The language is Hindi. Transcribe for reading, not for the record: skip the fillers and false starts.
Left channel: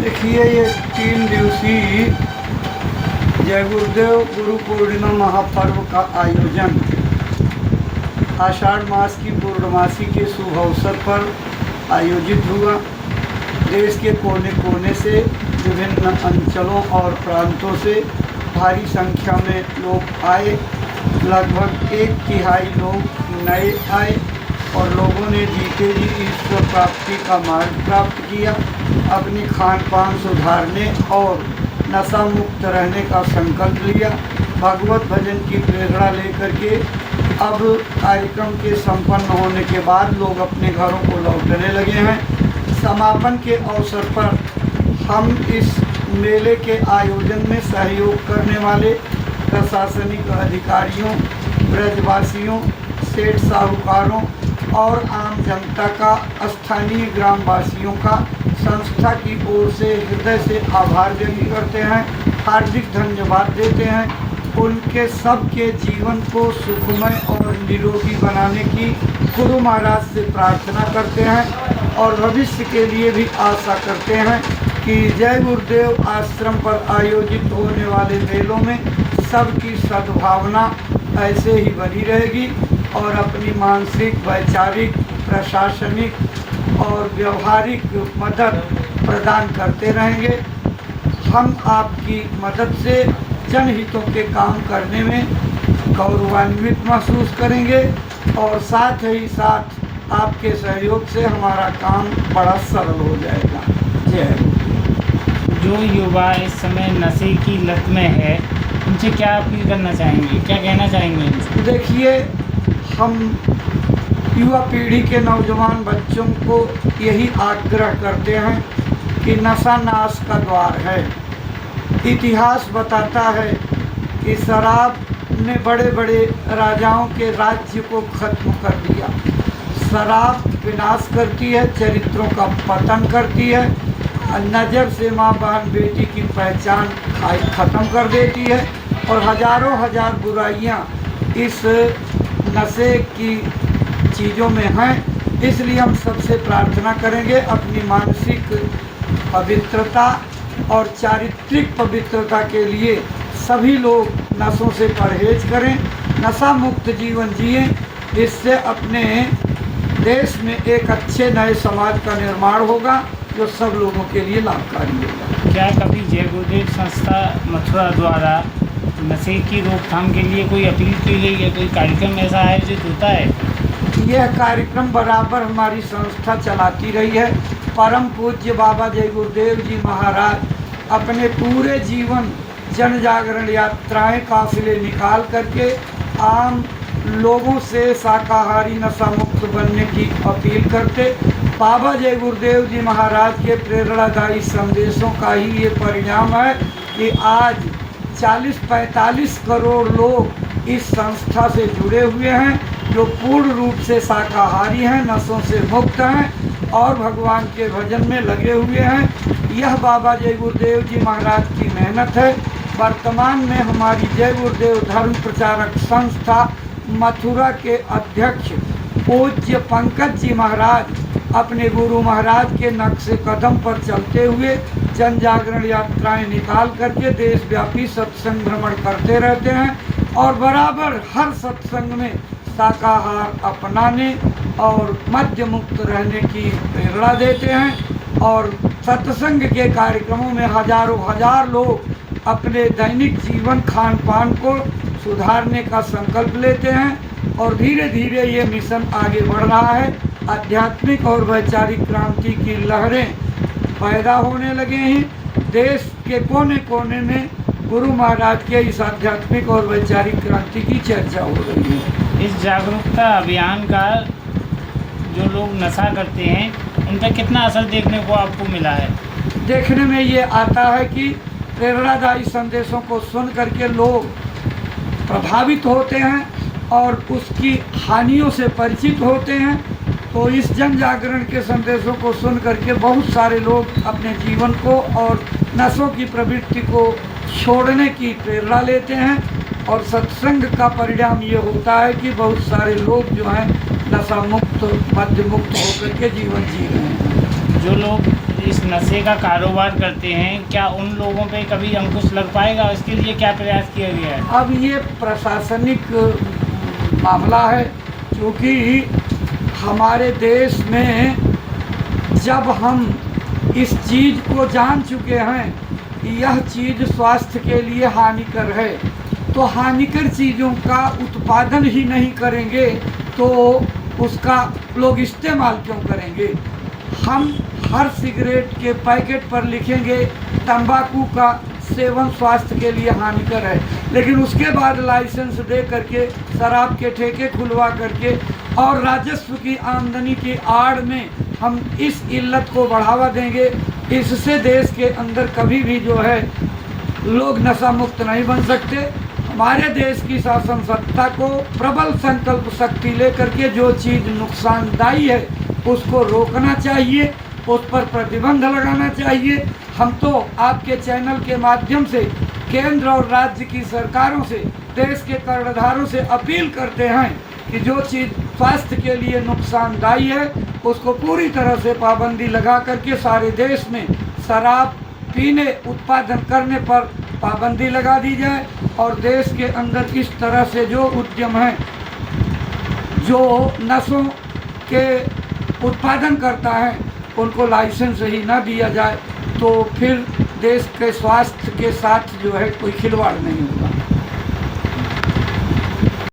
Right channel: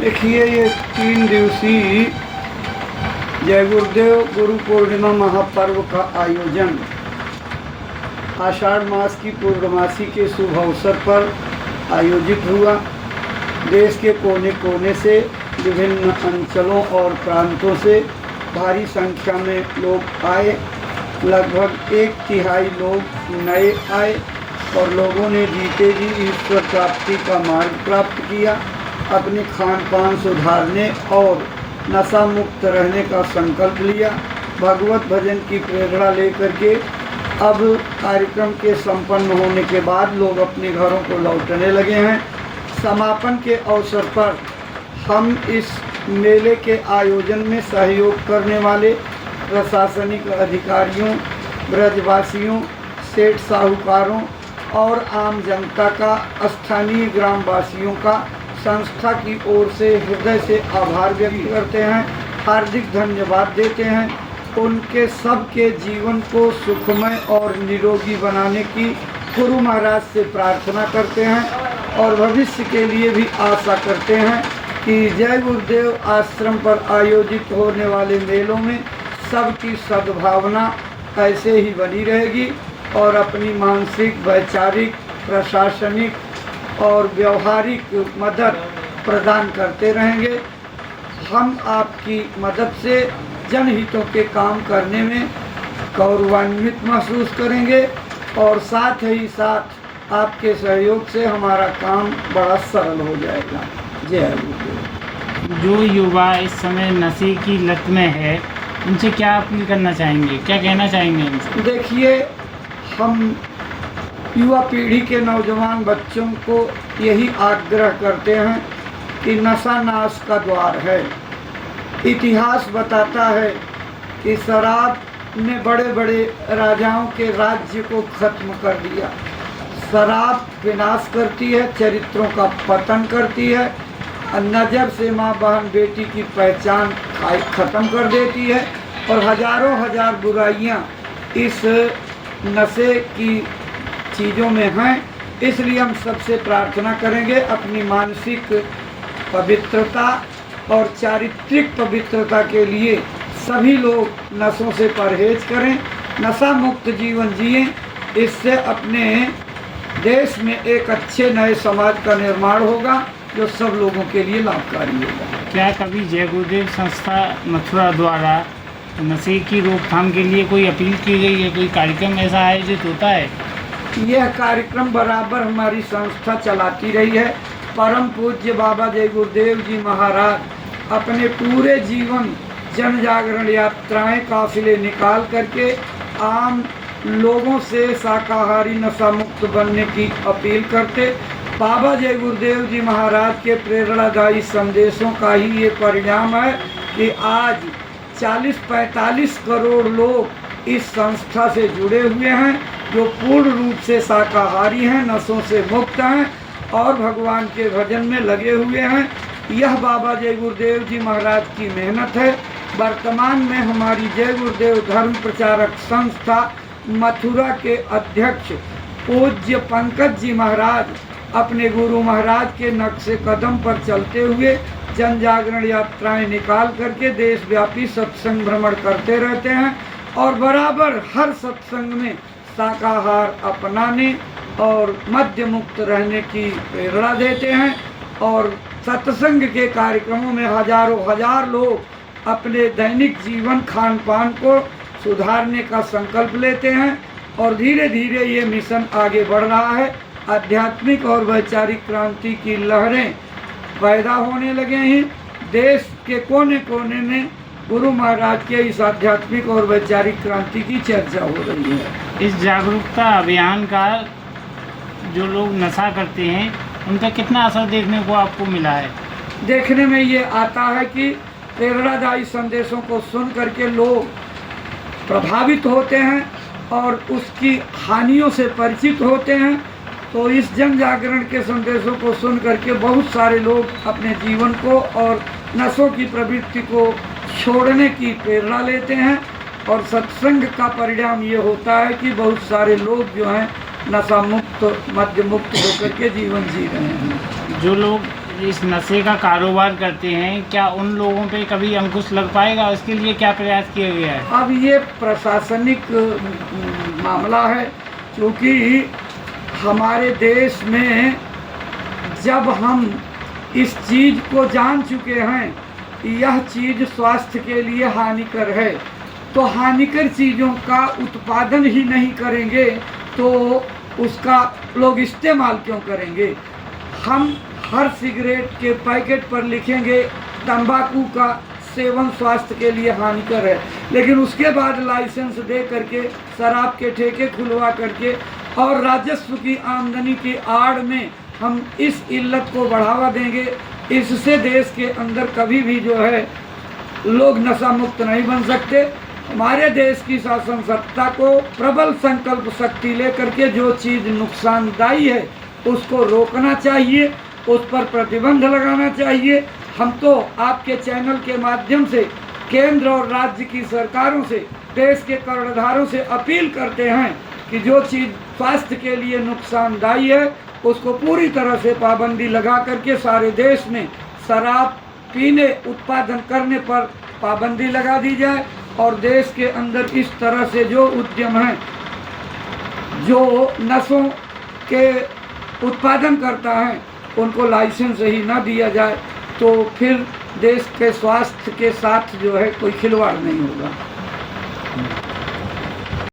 देखिए, ये 3 दिवसीय जय गुरुदेव गुरु पूर्णिमा महापर्व का आयोजन आषाढ़ मास की पूर्णमासी के शुभ अवसर पर आयोजित हुआ। देश के कोने कोने से, विभिन्न अंचलों और प्रांतों से भारी संख्या में लोग आए। लगभग 1/3 लोग नए आए और लोगों ने जीते जी ईश्वर प्राप्ति का मार्ग प्राप्त किया। अपनी खान पान सुधारने और नशा मुक्त रहने का संकल्प लिया। भगवत भजन की प्रेरणा लेकर के अब कार्यक्रम के संपन्न होने के बाद लोग अपने घरों को लौटने लगे हैं। समापन के अवसर पर हम इस मेले के आयोजन में सहयोग करने वाले प्रशासनिक अधिकारियों, ब्रजवासियों, सेठ साहूकारों और आम जनता का, स्थानीय ग्रामवासियों का संस्था की ओर से हृदय से आभार व्यक्त करते हैं, हार्दिक धन्यवाद देते हैं। उनके सबके जीवन को सुखमय और निरोगी बनाने की गुरु महाराज से प्रार्थना करते हैं और भविष्य के लिए भी आशा करते हैं कि जय गुरुदेव आश्रम पर आयोजित होने वाले मेलों में सबकी सद्भावना ऐसे ही बनी रहेगी और अपनी मानसिक, वैचारिक, प्रशासनिक और व्यवहारिक मदद प्रदान करते रहेंगे। हम आपकी मदद से जनहितों के काम करने में गौरवान्वित महसूस करेंगे और साथ ही साथ आपके सहयोग से हमारा काम बड़ा सरल हो जाएगा। जय गुरुदेव। जो युवा इस समय नशे की लत में है, उनसे क्या अपील करना चाहेंगे, क्या कहना चाहेंगे उनसे? देखिए, हम युवा पीढ़ी के नौजवान बच्चों को यही आग्रह करते हैं कि नशा नाश का द्वार है। इतिहास बताता है कि शराब ने बड़े बड़े राजाओं के राज्य को खत्म कर दिया। शराब विनाश करती है, चरित्रों का पतन करती है, नज़र से माँ बहन बेटी की पहचान ख़त्म कर देती है और हजारों हजार बुराइयाँ इस नशे की चीज़ों में हैं। इसलिए हम सबसे प्रार्थना करेंगे अपनी मानसिक पवित्रता और चारित्रिक पवित्रता के लिए सभी लोग नशों से परहेज करें, नशा मुक्त जीवन जिएं। इससे अपने देश में एक अच्छे नए समाज का निर्माण होगा जो सब लोगों के लिए लाभकारी होगा। क्या कभी जय गुरुदेव संस्था मथुरा द्वारा नशे की रोकथाम के लिए कोई अपील की गई है, कोई कार्यक्रम ऐसा आयोजित होता है? यह कार्यक्रम बराबर हमारी संस्था चलाती रही है। परम पूज्य बाबा जय गुरुदेव जी महाराज अपने पूरे जीवन जन जागरण यात्राएं, काफिले निकाल करके आम लोगों से शाकाहारी नशा मुक्त बनने की अपील करते। बाबा जय गुरुदेव जी महाराज के प्रेरणादायी संदेशों का ही ये परिणाम है कि आज 40-45 करोड़ लोग इस संस्था से जुड़े हुए हैं, जो पूर्ण रूप से शाकाहारी हैं, नशों से मुक्त हैं और भगवान के भजन में लगे हुए हैं। यह बाबा जय गुरुदेव जी महाराज की मेहनत है। वर्तमान में हमारी जय गुरुदेव धर्म प्रचारक संस्था मथुरा के अध्यक्ष पूज्य पंकज जी महाराज अपने गुरु महाराज के नक्शे कदम पर चलते हुए जन जागरण यात्राएं निकाल करके देशव्यापी सत्संग भ्रमण करते रहते हैं और बराबर हर सत्संग में शाकाहार अपनाने और मद्य मुक्त रहने की प्रेरणा देते हैं और सत्संग के कार्यक्रमों में हजारों हजार लोग अपने दैनिक जीवन खान पान को सुधारने का संकल्प लेते हैं और धीरे धीरे ये मिशन आगे बढ़ रहा है। आध्यात्मिक और वैचारिक क्रांति की लहरें पैदा होने लगे हैं। देश के कोने कोने में गुरु महाराज के इस आध्यात्मिक और वैचारिक क्रांति की चर्चा हो रही है। इस जागरूकता अभियान का जो लोग नशा करते हैं उन पर कितना असर देखने को आपको मिला है? देखने में ये आता है कि प्रेरणादायी संदेशों को सुन करके लोग प्रभावित होते हैं और उसकी हानियों से परिचित होते हैं। तो इस जन जागरण के संदेशों को सुन करके बहुत सारे लोग अपने जीवन को और नशों की प्रवृत्ति को छोड़ने की प्रेरणा लेते हैं और सत्संग का परिणाम ये होता है कि बहुत सारे लोग जो हैं नशा मुक्त, मद्य मुक्त होकर के जीवन जी रहे हैं। जो लोग इस नशे का कारोबार करते हैं, क्या उन लोगों पे कभी अंकुश लग पाएगा? इसके लिए क्या प्रयास किया गया है? अब ये प्रशासनिक मामला है, क्योंकि हमारे देश में जब हम इस चीज़ को जान चुके हैं कि यह चीज़ स्वास्थ्य के लिए हानिकर है, तो हानिकर चीज़ों का उत्पादन ही नहीं करेंगे तो उसका लोग इस्तेमाल क्यों करेंगे। हम हर सिगरेट के पैकेट पर लिखेंगे तंबाकू का सेवन स्वास्थ्य के लिए हानिकर है, लेकिन उसके बाद लाइसेंस दे करके शराब के ठेके खुलवा करके और राजस्व की आमदनी की आड़ में हम इस इल्लत को बढ़ावा देंगे। इससे देश के अंदर कभी भी जो है लोग नशा मुक्त नहीं बन सकते। हमारे देश की शासन सत्ता को प्रबल संकल्प शक्ति लेकर के जो चीज़ नुकसानदायी है उसको रोकना चाहिए, उस पर प्रतिबंध लगाना चाहिए। हम तो आपके चैनल के माध्यम से केंद्र और राज्य की सरकारों से, देश के कर्णधारों से अपील करते हैं कि जो चीज़ स्वास्थ्य के लिए नुकसानदायी है उसको पूरी तरह से पाबंदी लगा करके सारे देश में शराब पीने उत्पादन करने पर पाबंदी लगा दी जाए और देश के अंदर इस तरह से जो उद्यम हैं जो नशों के उत्पादन करता है उनको लाइसेंस ही ना दिया जाए, तो फिर देश के स्वास्थ्य के साथ जो है कोई खिलवाड़ नहीं होगा।